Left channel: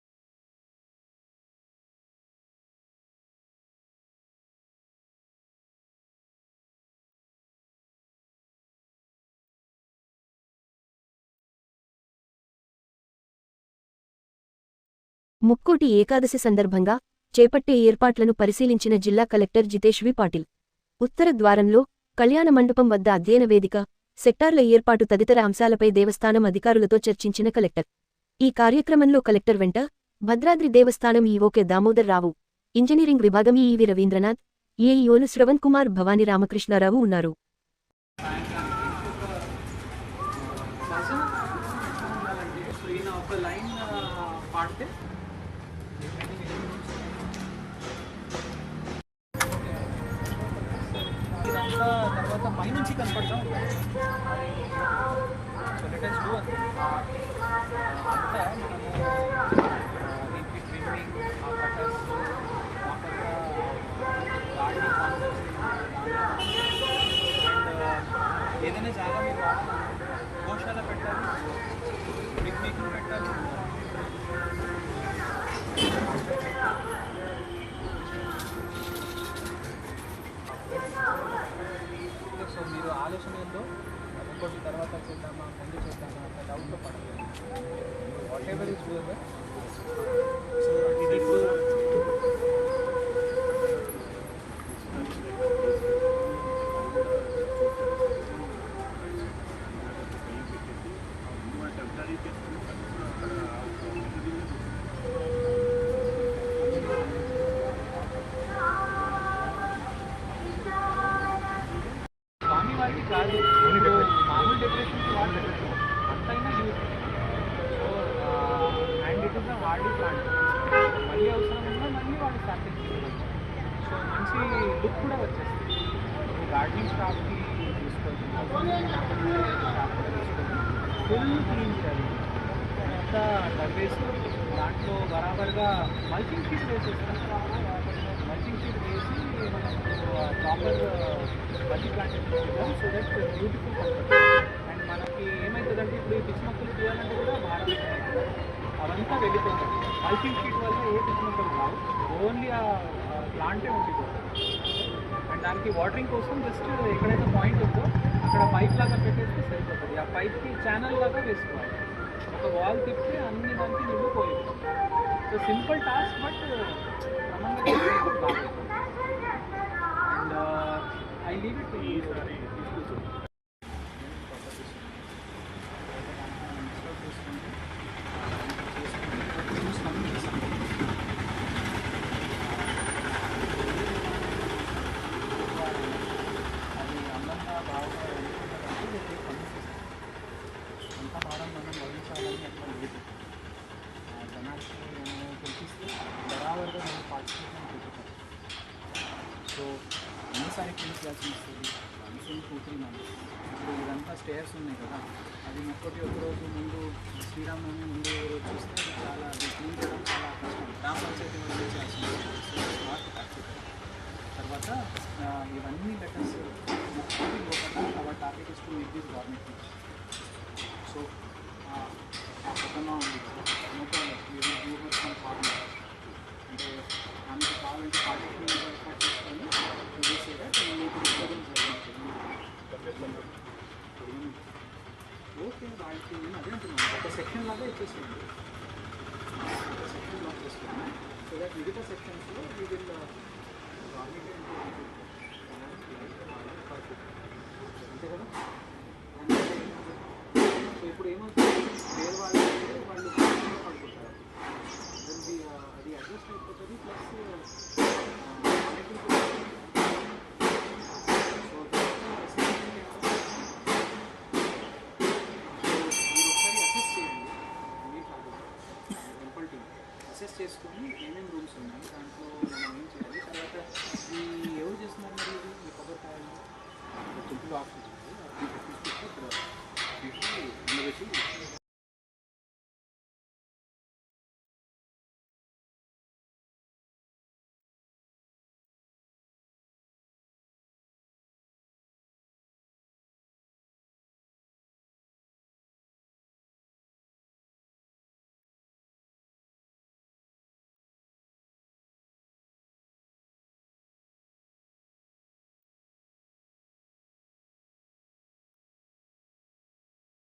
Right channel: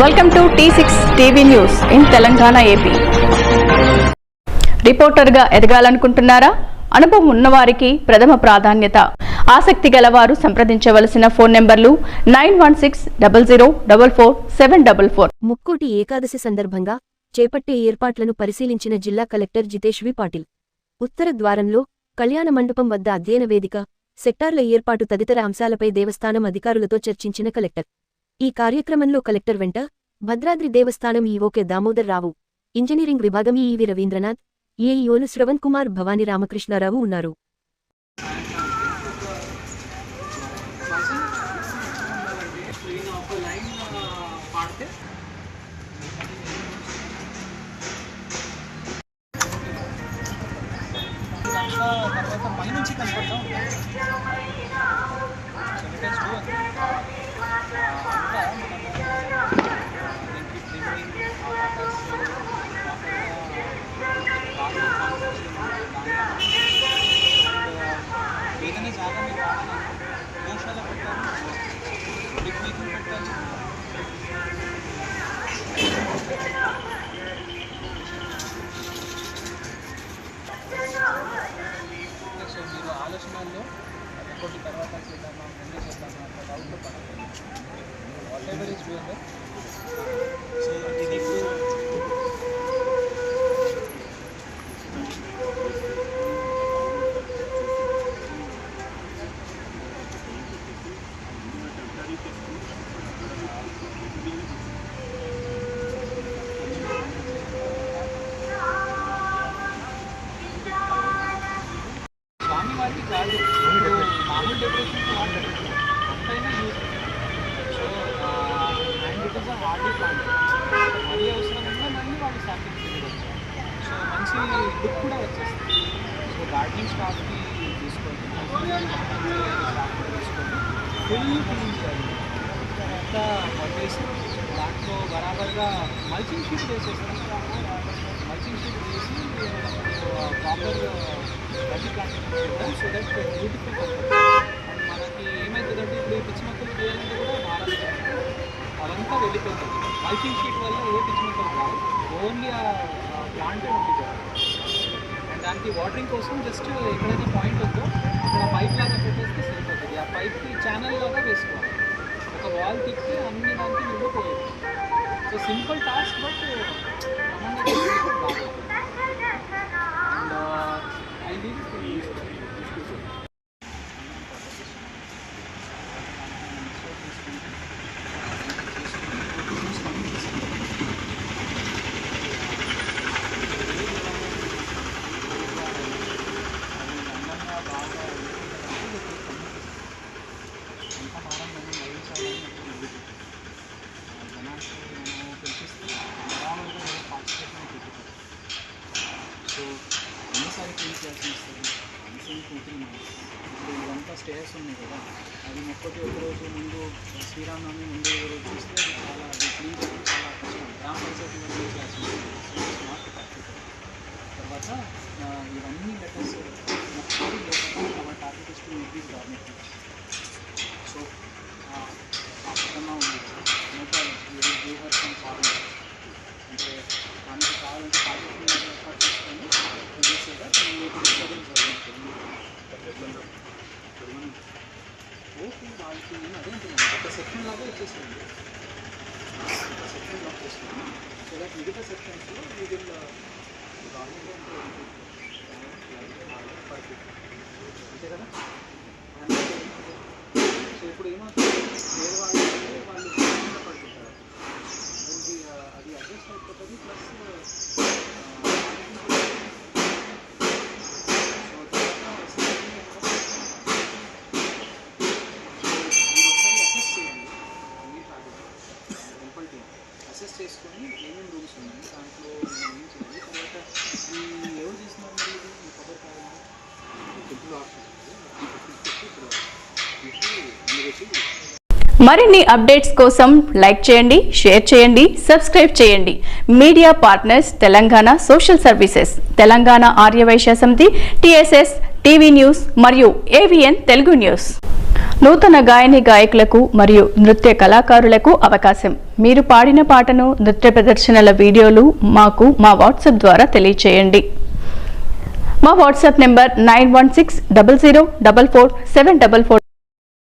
Welcome to T six TV news in Telangana AP రిపోర్టర్గా ఎదగాలనుకుంటున్నారా? అనుభవం ఉన్నవారికి ప్రథమ ప్రాధాన్యత. ఆసక్తి గలవారు సంప్రదించవలసిన ఫోన్ నెంబర్లు nine one six double zero double four seven double four. Mukkoti Ekadashi సందర్భంగా చేపట్టే ఏర్పాట్లను పరిశీలించిన జిల్లా కలెక్టర్ జితేష్వి పాటిల్. ఉత్తర ద్వారంలో కళ్యాణ మండపం వద్ద అధ్యయన వేదిక సెక్టార్ల ఏర్పాటు తదితర అంశాలపై దేవస్థానం అధికారులతో చర్చించిన కలెక్టర్. ఈ కార్యక్రమంలో కలెక్టర్ వెంట భద్రాద్రి దేవస్థానం ఈవోకే దామోదర్ రావు. ఇంజనీరింగ్ విభాగం ఈవి రవీంద్రనాథ్ ఏఈఓలు శ్రవణ్ కుమార్ భవానీ రామకృష్ణారావు ఉన్నారు. తర్వాత పైనుంచి కనపడతా ఉంటుంది సో we can do అది. ఆ, అంతా మనము ఆ, దీనికి ప్రింటింగ్ ఆ కటర్స్ ప్రాపర్గా గాడి కాన్సెప్ట్స్ దాంట్లో అండ్ Uh, ఏదైనా జాగా మీరు వాడాలి గోశాల పెట్టాలి పిక్నిక్ పెట్టాలి. సో మీరు ఆలోచనల్లో ఇంకోటి తర్వాత చేద్దామా ముందు చేద్దామా అట్లా డౌట్లో పడలేదు whatever is doable so ఇది వారికి కాదు. ఇప్పుడు మామూలు డెకరేషన్కి వాళ్ళు decoration అంతైనా use so and it is hardy plant మళ్ళీ అవసరం ఉన్నా మళ్ళీ వాళ్ళు శాంపిల్స్ వెళ్ళగలుగుతారు సో మంచి లుక్ కూడా వచ్చేస్తుంది. సో గార్డెనింగ్ స్టాఫ్కి తీసుకొని స్టాఫ్ కూడా తీసుకొని ఫుల్ క్లీన్ చేయాలి అంతా తవ్వేసి దాంట్లో బరాబర్గా మల్చింగ్ షీట్ వేసేస్తాం మల్చింగ్ షీట్ వేసి మనకు ప్రాపర్ బట్టి ప్లాంట్ చేద్దాం సో దట్ బ్యూటిఫుల్ కనపడుతుంది అండ్ మనకి ఏమవుతుందంటే ఇప్పుడు ఈ పిచ్చి మొక్కలు తీయాలంటే కూడా భారం అవంతా వెళ్ళిపోతుంది మల్చింగ్ షీట్ వల్ల ఏ పిచ్చి మొక్కలు రావు ఓన్లీ ఆ ప్లాంటే ఉంటుంది అండ్ దానికి వాటరింగ్ కోసం జస్ట్ ఎక్కడైతే పాయింట్ ఉందో అక్కడ పైప్ లాగా పెట్టేస్తే సరిపోతుంది. ఆ పైప్కి ఛానల్ లాగా వేసుకోవాలి. ఒక వాల్ తిప్పితే అన్ని దానికి నువ్వు పోయేది సో సింపుల్ టాస్క్ బట్ క్రమంగా బాగుంటుంది. And ahí vive once in ఇప్పుడు ఇదంతా స్టేయర్స్ ఉన్నాయి కదా. అది ఒక్కటి ఒక రోజు ముందు శ్రీరామనవమి ముందు ఒక రోజు చూస్తే అది చాలా అది క్లీన్ చేయడం చాలా కష్టం. గ్రామ పంచాయతీ వాళ్ళు క్లాస్ నాట్ ప్రాక్టికల్ తర్వాత ఇవన్నీ లెటర్స్ మొక్కలు లోపల our target is to increase government so ఆ పక్కన ఉంది మొక్కలు యూహర్ ఫ్రమ్ ఫార్మర్ అంటే మనకి కావాలంటే పార్టిసిపేట్ ఏర్పాటు చేసుకొని చేసేదా మీకు డిస్టర్బెన్స్ ఓకే వాళ్ళకి అదే అంటున్నాను ఒక సెక్షన్ లాగా ఇచ్చేసేయండి. ఒక సెక్షన్ లాక్ చేసుకున్నాను సో దట్ మిగతా సెక్షన్స్లో యూ విల్ గవర్నమెంట్ అంటే అంతే కదా అంటే సో ఇప్పుడు ఏమవుతుంది వేరే వాళ్ళు అయితే వాళ్ళు కింద పడుకుంటారు అది అది అడ్జస్ట్ అయిపోతుంది ప్లస్ సో అసెస్ చేయండి మీ టెంపుల్ టీమ్ అసెస్ చేసుకొని ఏమేమి రూమ్స్ ఉన్నాయి దాంట్లో మనం ఏం చేయాలి తర్వాత ఈ ఎవరు చేస్తున్నారు మరి ఇది ఈ కొబ్బరికాయలు టెంపుల్ ఆఫీస్ ఇప్పుడు మరిన్ని అప్డేట్స్ కోసం లైక్ చేయండి షేర్ చేయండి సబ్స్క్రైబ్ చేయండి. Media partners Telangana social services Telangana Aryavysya Samiti TSS TV news మరియు ఏవిఎన్ తెలుగు న్యూస్. నూతన గాయని గాయకులకు మరియు నృత్య కళాకారులకు అవకాశం. మీరు పాడిన పాటను నృత్య ప్రదర్శనల వీడియోలు మాకు మా వాట్సాప్ ద్వారా తెలియచేయండి. మా WhatsApp number nine one six double zero double four seven double four